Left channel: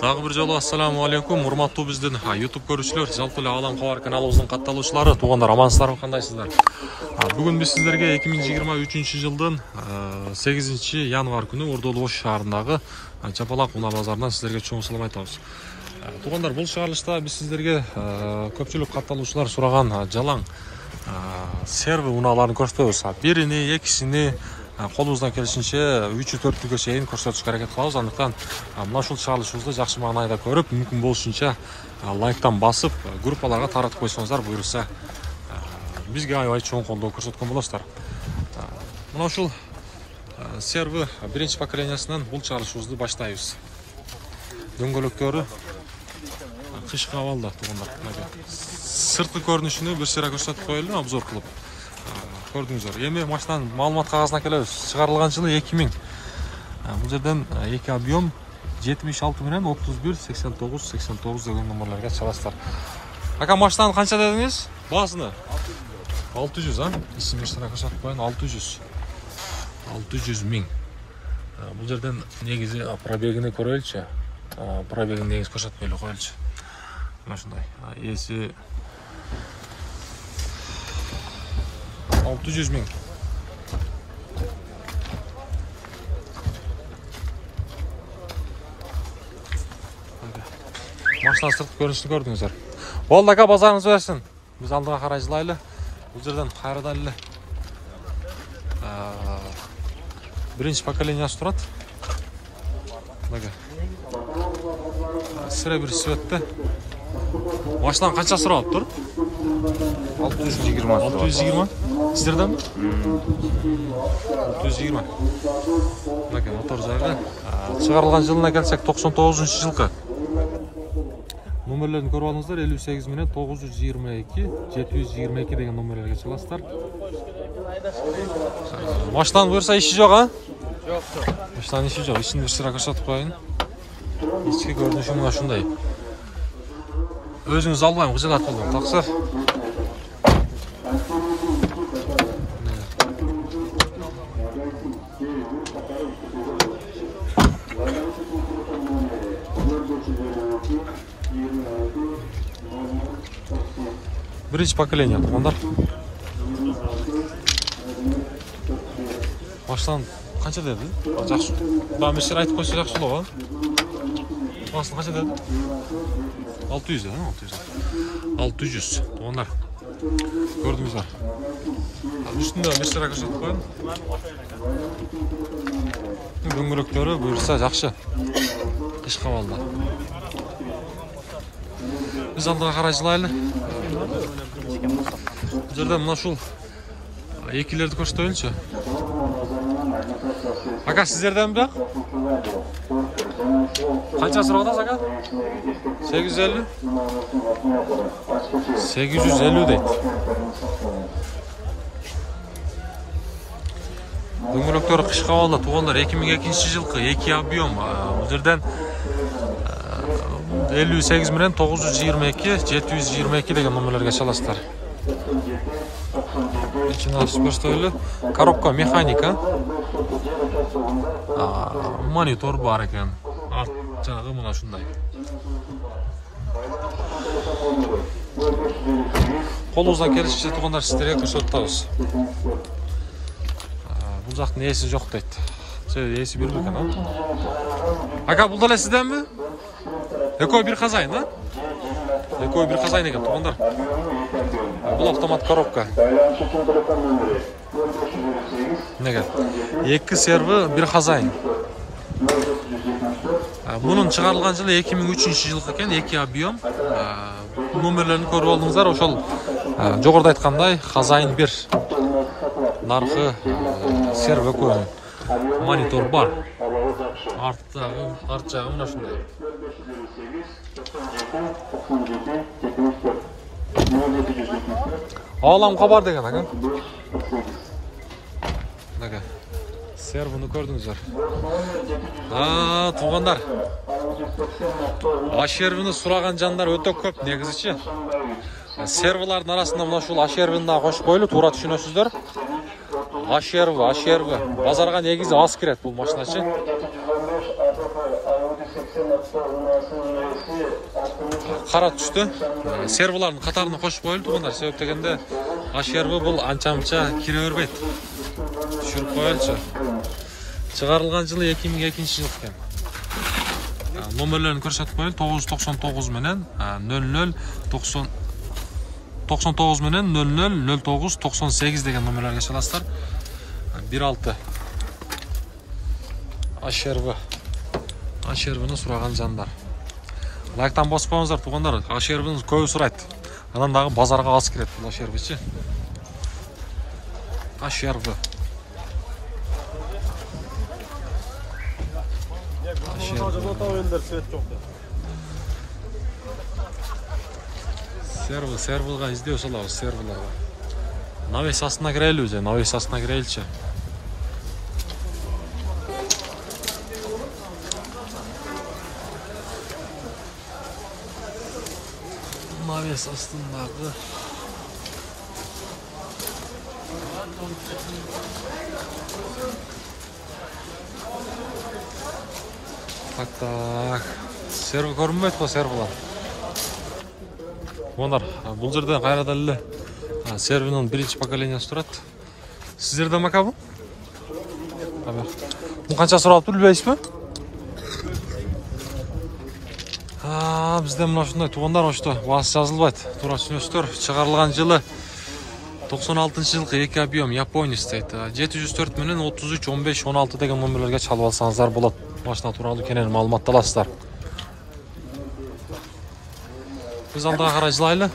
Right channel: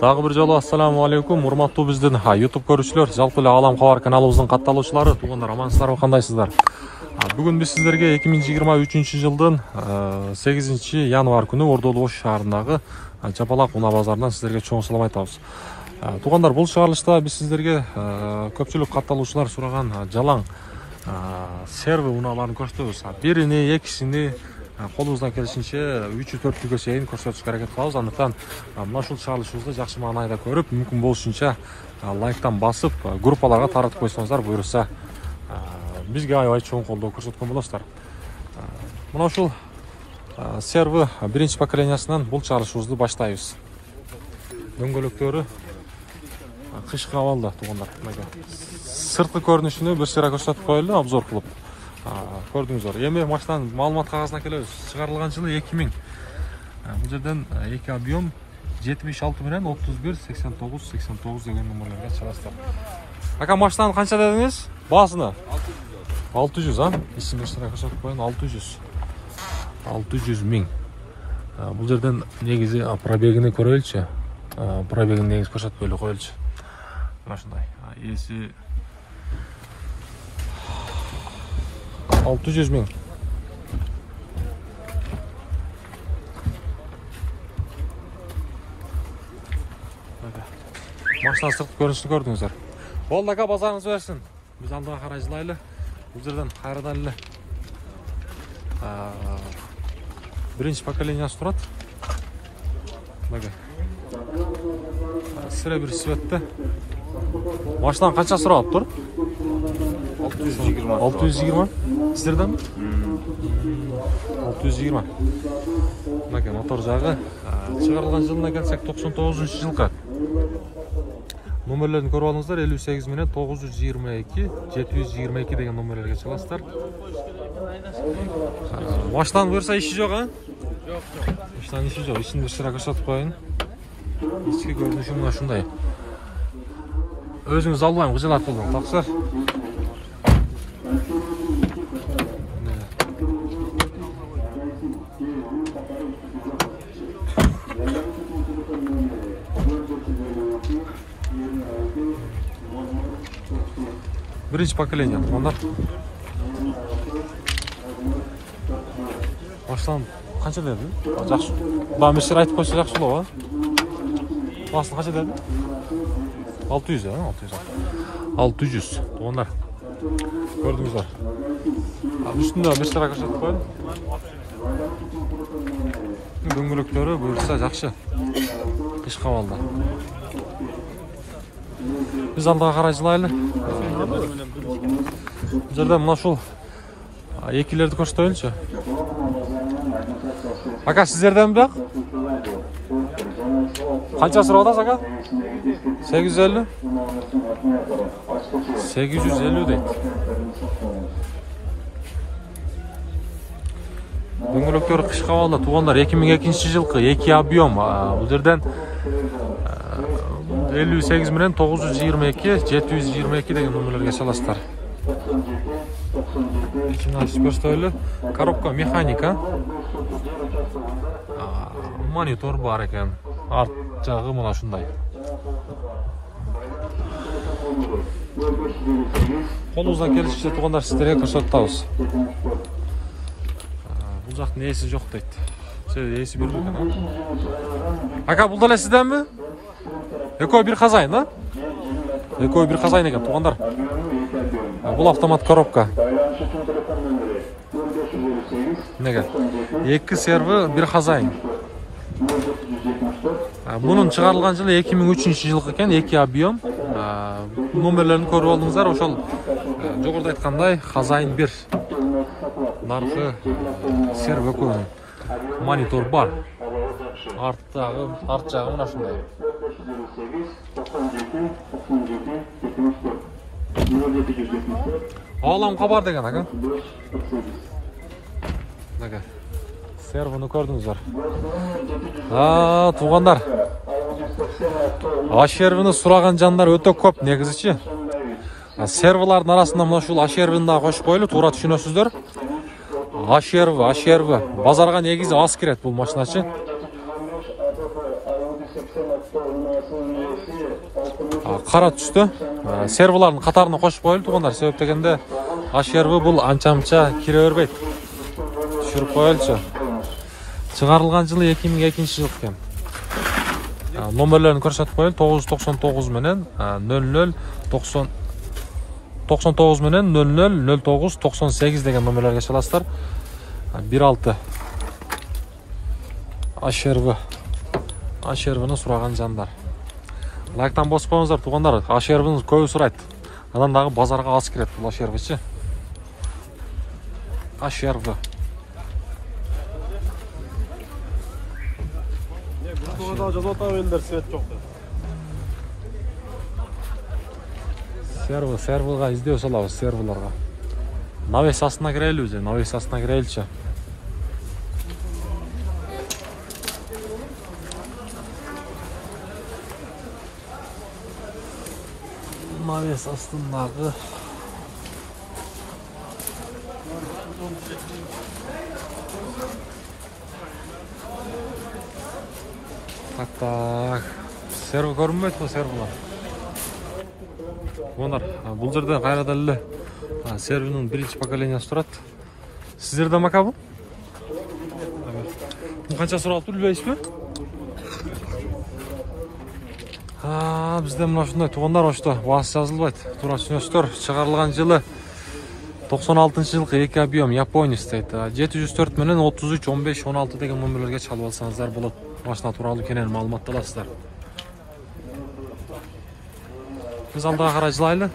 Дагы бир жолу ассаламу алейкум, урматтуу биздин YouTube көрүүчүлөр, жалпы эле Алам кабар каналыбыздын катталуучулары, туугандар, амансыздарбы, кандайсыздар? Бүгүн биз сиздерге 2023 жылдын 8 январь күнү Ордолу Ош шаарындагы Жапалак унаа базарынан сиздерге чоң салам айтабыз. Туугандар, бул чыгарылышта биз сиздерге көпчүлүк катталуучулар сураган жалаң серви унааларын көрсөтөбүз. Бирини, экисини колубуздан келишинче 3-4-гө чейин көрсөтүшкө аракет кылабыз. Андыктан мына ушул чыгарылышыбызды жакшы маанайда көрүп, мүмкүн болушунча лайктан басып, группаларга таратып койсоңуздар, буюрса бизге аябай чоң колдоо көрсөткөн болосуздар. Мына ушул серви биринчи поколениясынан бул чыгарылышыбызды баштайбыз. Дөңгөлөктөрү кышкы абалда, туугандар. Сырткы көрүнүшүнү бир сыйра көрсөтүп коелу, обзор кылып көрдүңүздөр. Эми машинанын маалымат кагазына келебиз. Чыгарылган жылы 2000. Бул жерден эки объем 76 менен 31 89 89 деген номерлерге чыгасыздар. Ака, машинаны канча дедиңиз? Баасыны 600, исим эштара көрсөтүп коеюн, 600 миң. Бул жерден негизи пробегини көрөйлүчү. Пробегин негиз көрсөтпөйлү коелучу. Мына ушундай. Эси 600 миң. Машина сырткы көрүнүшүн көрдүңүздөр. Болду ака, базарыңыз берсин. Биз алдыга карай жылайлы. Бул жерден кайрадан эле биринчи поколениясы турат. Мага. Сыра бир светте. Машинанын канча сурап тур? 620. 620? Сиздерден? 620. Мына мотор жагы. Чыгарылган жылына келсек 99-жылкы. Номерлерин көрүп алыңыздар. 58 менен 922 722 деген номерлерге чыгасыздар. Машинанын буюрса иши жок, а? Жок. Машинанын иши жок. Ишин бир сыра көрсөтүп коеюн. Ички көрүнүшү мына ушундай. Өзүңүз албайм, кыжылат болдуң. Таксы. Биринчи поколение, туугандар. Машинаны канча деди? Жакшы. Мына мистер айтып койсо жакшы болобу, а? Басын канча деди? 600, 600, туугандар. Көрдүңүздөр. Үстүндө мистер көрсөтүп коеюн. Дөңгөлөктөрү буюрса жакшы. Кышкы абалда. Биз алдыга карай жылайлы. Бул жерде мына ушул экилерди көрсөтөйүнчү. Ака, сиздерденби? Канча сурап атасыз, ака? 850? 850 дейт. Дөңгөлөктөрү кышкы абалда, туугандар. 2002 жылкы, 2 объем. Бул жерден 58 менен 922 722 деген номерлерге чаласыздар. İçini açıp gösterili. Коробка механика. Монитор бар екен. Арт жағы мына ушундай. Колубуздан келишинче, туугандар, сиздерге көрсөтүп атабыз. Бул жактын ээси жок дейт. Ээси бир экен, а? Ака, бул деле сизденби? Экөө бир хозяин, а? Экөө бир хозяин экен, туугандар. Бул автомат коробка. Неге? Эки серви, бир хозяин. Мунун чыгарылган жылы 2003 жылкы экен, 2 объем. Номерлерин көрүп алдыңыздар, ошол жогоруда айткандай хозяин 1. Наркы серви экөө. Монитор бар. Арт жагы мына ушундай. Алам кабар деген, ака. Ака. Сервини көрдүңүздөр. Туугандар. Ашервини сураган жандар өтө көп негизичи. Сервилардын арасында мына ушул ашервини да кошуп коелу, туура түшүнөсүздөр. Ашерви. Базарга негизи аз кирет бул машиначы. Qara түшті. Serverlarning qatarına qo'shib qo'yildi tuğanlar. Sebep degende H-server бұл ancha-muncha kire bermaydi. Tushirib qo'yilsa. Chiqarilgan yılı 2002 yıl ekan. Nomerlerini ko'rsatib qo'yildi. 999 menen 99 menen 000998 degan nomerlarga chalasizlar. 16 H-serverni so'ragan janlar. Like'tan bosib qo'yingizlar tuğanlar. H-serverni ko'p so'raydi. Anan dağı bazarga az kiradi bu H-serverchi. H-server. Serverga izleo salabız serverlarga. Навесасына кірелі өзе, навесасына кірелчі. Навес астындағы. Так. Сервер көрінмейді ғой серверлар. Ондар, бұл жерде қайрадалылы серверінің бірінші поколениясы тұрады. Сіздерде мака бұл? Бұл қанша сұралып тұр, білбейсіз бе? Бізде мұна шындай туғандарошты, басы жазылбайды. Тура түсінесіздер, шығарылған жылы 96 жылғы 2 объем Япония дейді. 704 менен 33 15 16 деген номерлерге чалып алсаңыздар болады. Машина туралы кенен маалымат аласыздар. Biz aldığa қарай жылайлы.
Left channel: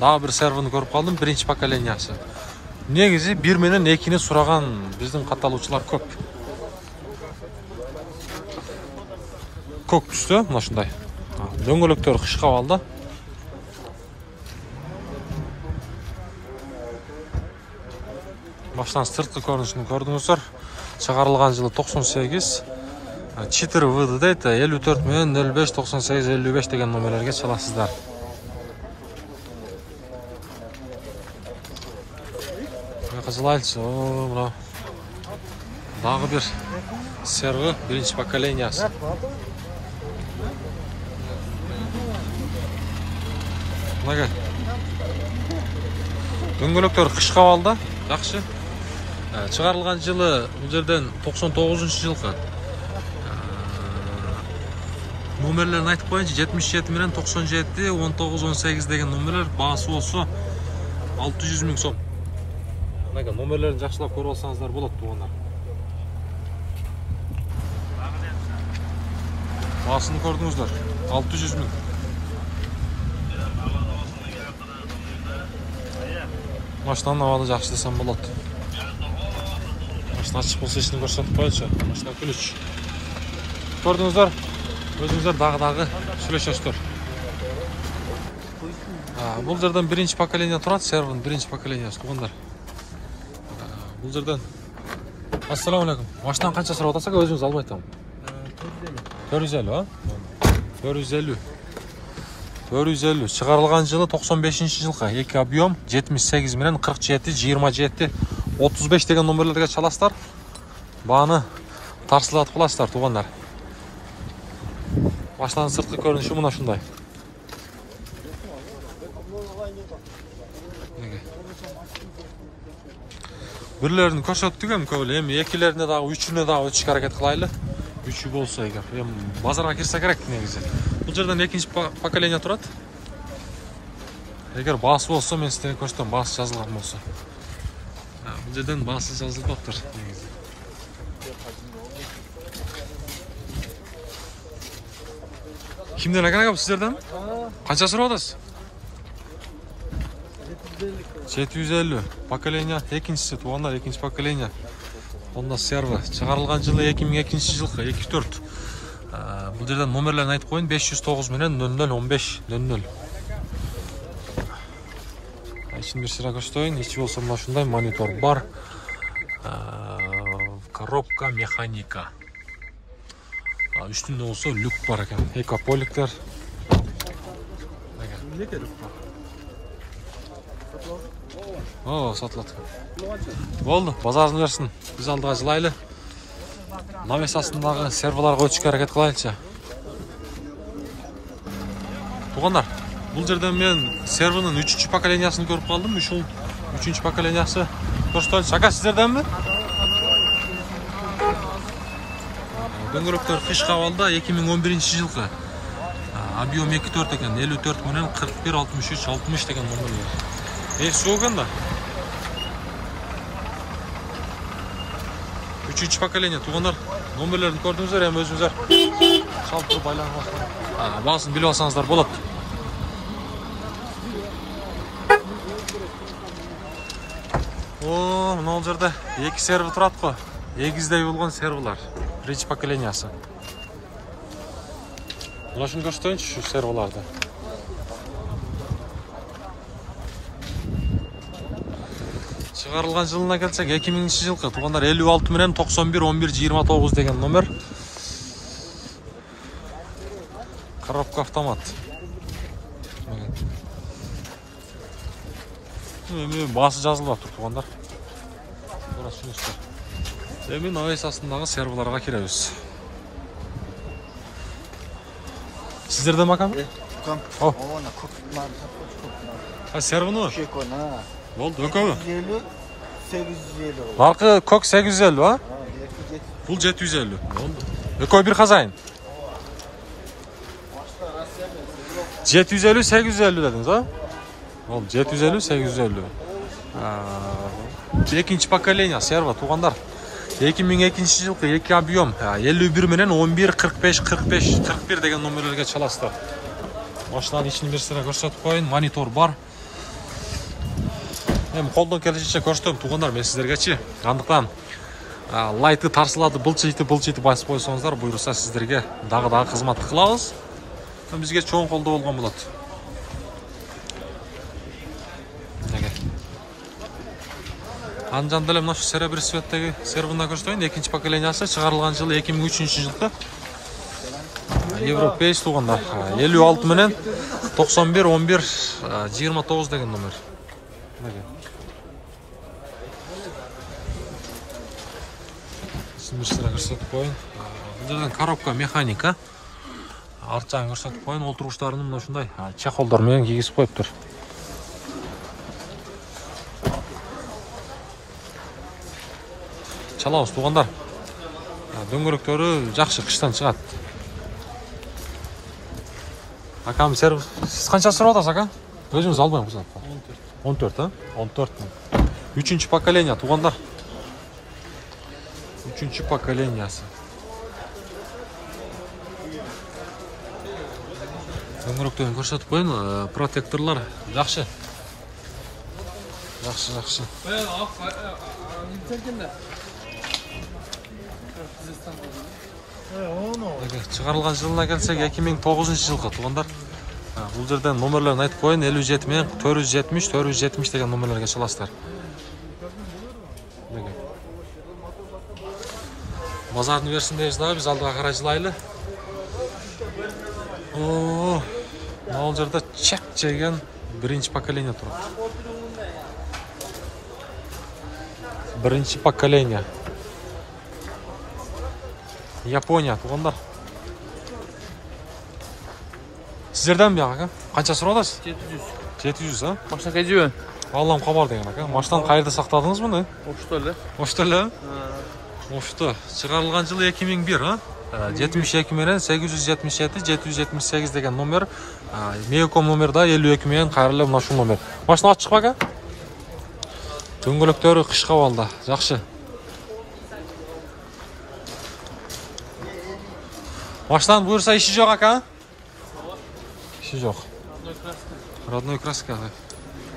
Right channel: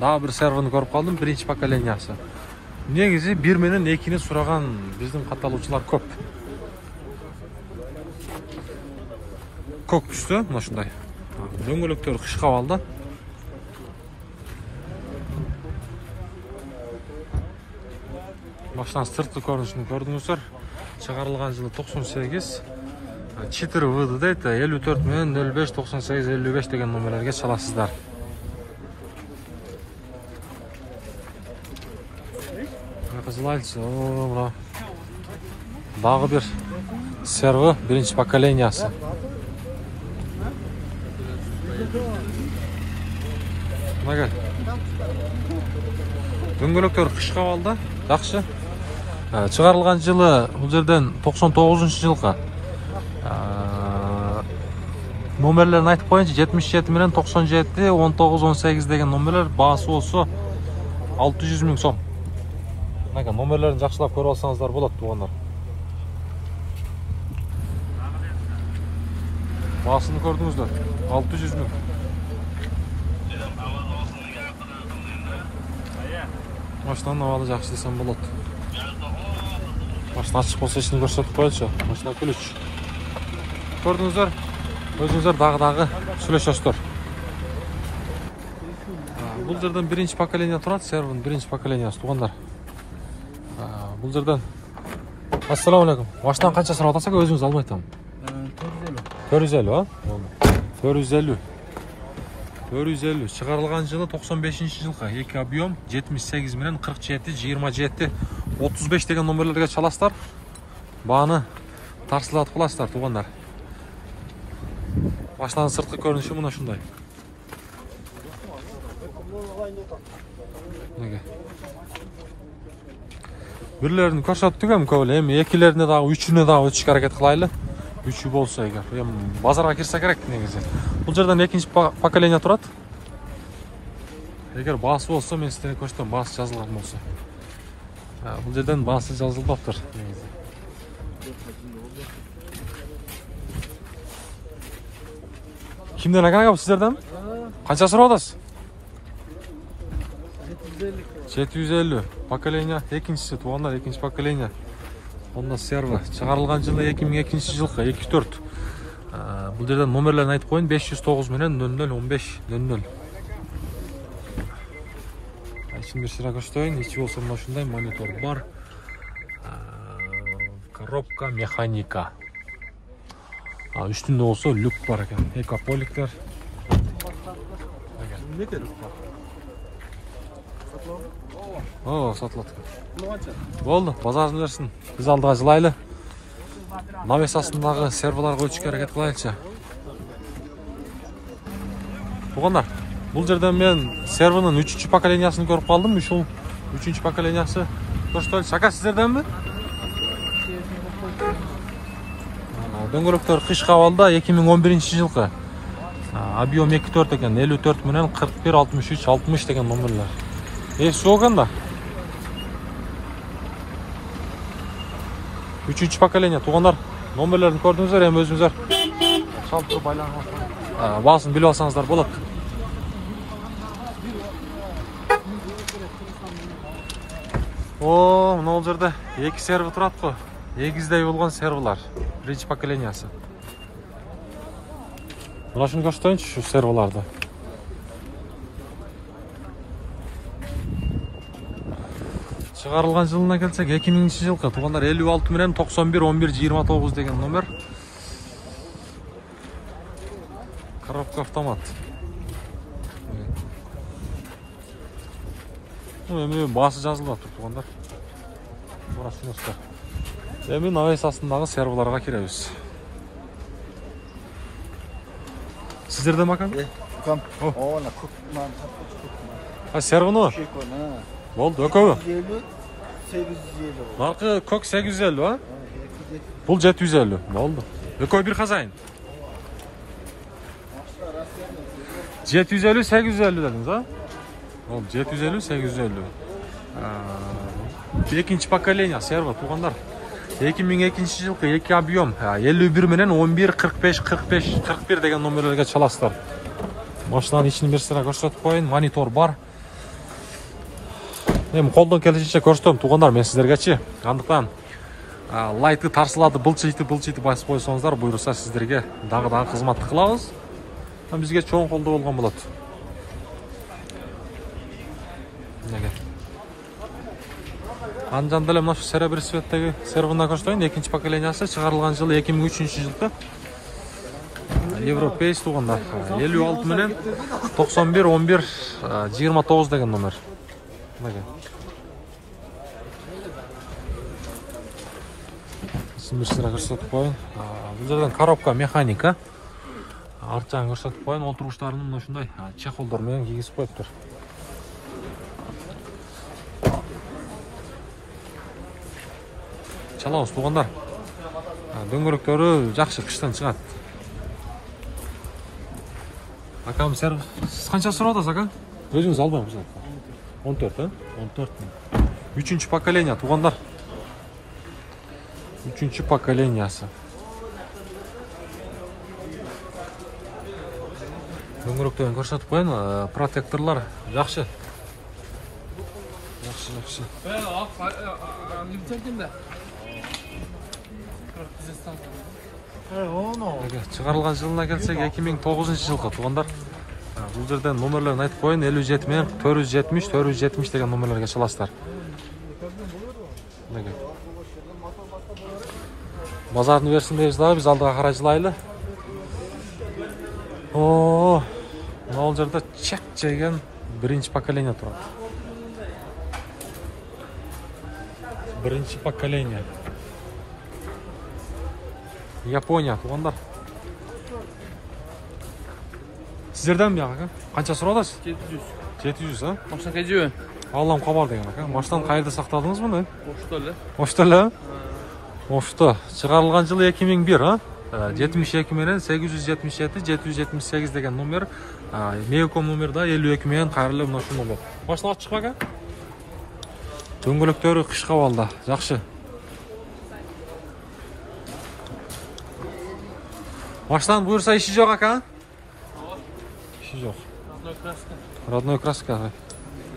Daha bir serverni көріп қалдым, бірінші поколениясы. Негізі 1 менен 2-ни сұраған біздің қаталушылар көп. Көк түсті, мынашындай. Дөңгелектер қышқа алды. Машинанын сыртқы көрінісін көрдіңіздер. Шығарылған жылы 98. 4 выды дейді. 54 мен 05 98 55 деген номерлерге çalasыздар. Жылайлчы. Дағы бір сервер, бірінші поколениясы. Дөңгелектер қышқа алды. Жақсы. Шығарылған жылы бұл жерден 99 жылға. Номерлерін айтып қойыншы 77 менен 97 19 18 деген номерлер басы осы 600 000 сом. Номерлерін жақшылап көріп алсаңыздар болады туғандар. Басыны көрдіңіздер 600 000. Машинаны авалы жақсы десем болады. Машина ашық болса ішін көрсетіп қойылшы. Машина күліш. Көрдіңіздер, өзіңіздер дағы сөйлесесіздер. Бұл жерден бірінші поколения тұрады, сервердің бірінші поколениясы туғандар. Бұл жерден. Ассаламу алейкум. Машинаны қанша сұрап атасақ өзіңіз алмайтын. 450, а? 450. 450. Шығарылған жылы 95 жылға 2 объем 78 менен 47 27 35 деген номерлерге çalasыздар. Бағаны тарсылатып қаласыздар туғандар. Машинаның сыртқы көрініші мұна шындай. Бірлерін көрсеттігім көбілі, екілеріне дағы, үшіне дағы өтішкі әрекет қылайлы. Üçü bolsa eğer. Bazara kirse gerek negizі. Бұл жерден екінші поколения тұрады. Егер басы болса, мен сізден көрсетем, басы жазылған болса. Бұл жерден басы жазылбаптыр негізі. Kimden akan abi sizlerden? Kaça sıra odası? 750. Поколения ikincisi, tuğanlar ikinci поколения. Onda server. Çıkarılgan жылы 2002 жылғы 24. Бұл жерден номерлерін айтып қойын 509 менен 001500. İçin bir sıra göstereyim. İçi olsa şunday monitör бар. Коробка механика. Üstünde olsa lük var ekan. Ekopolikler. Lük var. О, сатылат. Болды, базарын берсін. Біз алдыға жылайлы. Навес астындағы серваларға өтішке әрекет қылайынша. Туғандар, бұл жерден мен сервінің 3-ші поколениясын көріп қалдым. 3-ші поколениясы көрсетілді. Шака сіздерден бі? Дөңгелектер қиш қавалда 2011 жылғы. Объем 2.4 екен, 54 менен 41, 63, 63 деген номерлер. Есі оған да? 3-ші поколения. Туғандар, номерлерін көрдіңіздер, әм өзіңіздер шалып тұрып байланып басқан. Басын біліп алсаңыздар болады. О, мына ол жерде 2 серві тұрады қой. Егіздей болған сервілар. 1-ші поколениясы. Мына шын көрсетейінші шу сервіларды. Шығарылған жылына келсек 2000 жылғы. Туғандар 56 менен 91, 11, 29 деген номер. Коробка автомат. Басы жазылып тұр туғандар. Бұра түсінесіздер. Мен навес астындағы сервіларға кереміз. Сіздерде макам? Kom. О. Ona kokman, kokman. Сервіні? Болды, өкөбі? 850. Нарқы көк 850, ба? Бұл 750. Болды. Өкөбі бір қазайын? 750, 850 дедіңіз, а? Болды, 750, 850. Екінші поколения серва туғандар. 2002 жылғы 2 объем. 51 менен 11, 45, 45, 41 деген номерлерге çalasыздар. Машинаның ішін берсіра көрсетіп қойын. Монитор бар. Мен қолдан келешінше көрсетем туғандар мен сіздерге. Андықтан лайты тарсылады, бұлчыйты басып қойсаңыздар, бұйырса сіздерге дағы қызматты қылауыз. Бізге чоң қолда болған болады. Анжандалы мына шу серебрі светтегі сервіна көрсетейін. 2-ші поколениясы шығарылған жылы 2003 жылғы. Европейс туғандар. 56 менен 91, 11, 29 деген номер. Сіздер көрсетіп қойын. Бұл жерден коробка механика. Арт жағын көрсетіп қойын. Олтырғыштарының мына шындай чақолдармен кигізіп қойып тұр. Çalауыз туғандар. Дөңгелектері жақсы қыштан шығады. Акам сервис. Сіз қанша сұрап отырсыз, ака? Өзіңіз албайын құзат. 14, а? 14. 3-ші поколения туғандар. 3-ші поколениясы. Дөңгелектерін көрсетіп қойын. Протекторлар жақсы. Жақсы. Шығарылған жылына келсек 2009 жылғы туғандар. Бұл жерден номерлерін айтып қойын. 57 мен 470, 470 деген номерлерге çalасыздар. Базарын берсін дейсіздер, біз алдыға қарай жылайлы. Ол жерде чек жеген 1-ші поколения тұрады. 1-ші поколения. Япония туғандар. Сіздерден бе аға? Қанша сұрауыз? 700. 700, а? Машина қайден? Аллам қабар деген аға. Машинаны қайырда сақтадыңыз мұны? Оштөлі. Оштөлі? Ошты. Шығарылған жылы 2001, а? 72 менен 877, 778 деген номер. Меоком номерда 52 менен қайырлы мұнашу номер. Машина ат шықпақ, а? Дөңгелектері қыш қавалда. Жақшы. Машинаның бұйырса іші жоқ, ака? Іші жоқ. Родной краска.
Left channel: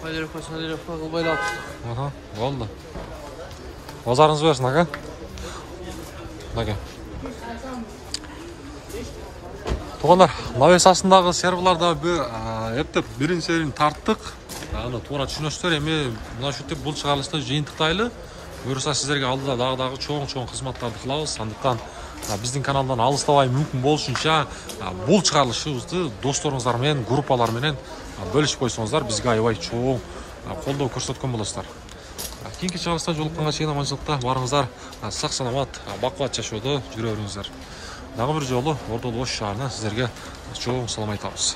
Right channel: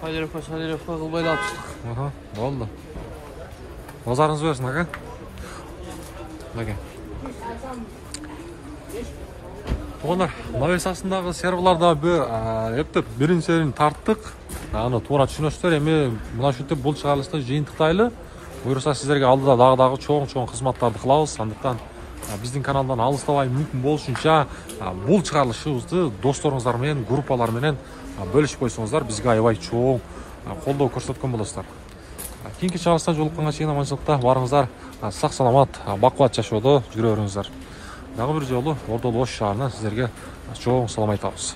Панировка қылбайлады. Аха, болды. Базарыңыз берсін, ака? Ака. Туғандар, навес астындағы серверларда бірін серін тарттық. Туғана түсінесіздер, еме мұна шүйтіп бұл шығарылысты жиынтықтайлы. Бұйырса сіздерге алдыда дағы чоң қызматтарды қылауыз. Сандықтан біздің каналдан алыстабай мүмкін болушынша бұл шығарылышыбызды достарыңыздармен, группаларменен бөлішіп қойсаңыздар, бізге аябай чоң колдоо көрсөткөн болосуздар. Кийинки чыгарылышта жолукканга чейин аманчылыкта барыңыздар. Сак саламат, бакубат жашоодо жүрө бериңиздер. Дагы бир жолу Ордолу Ош шаарынан сиздерге чоң салам айтабыз.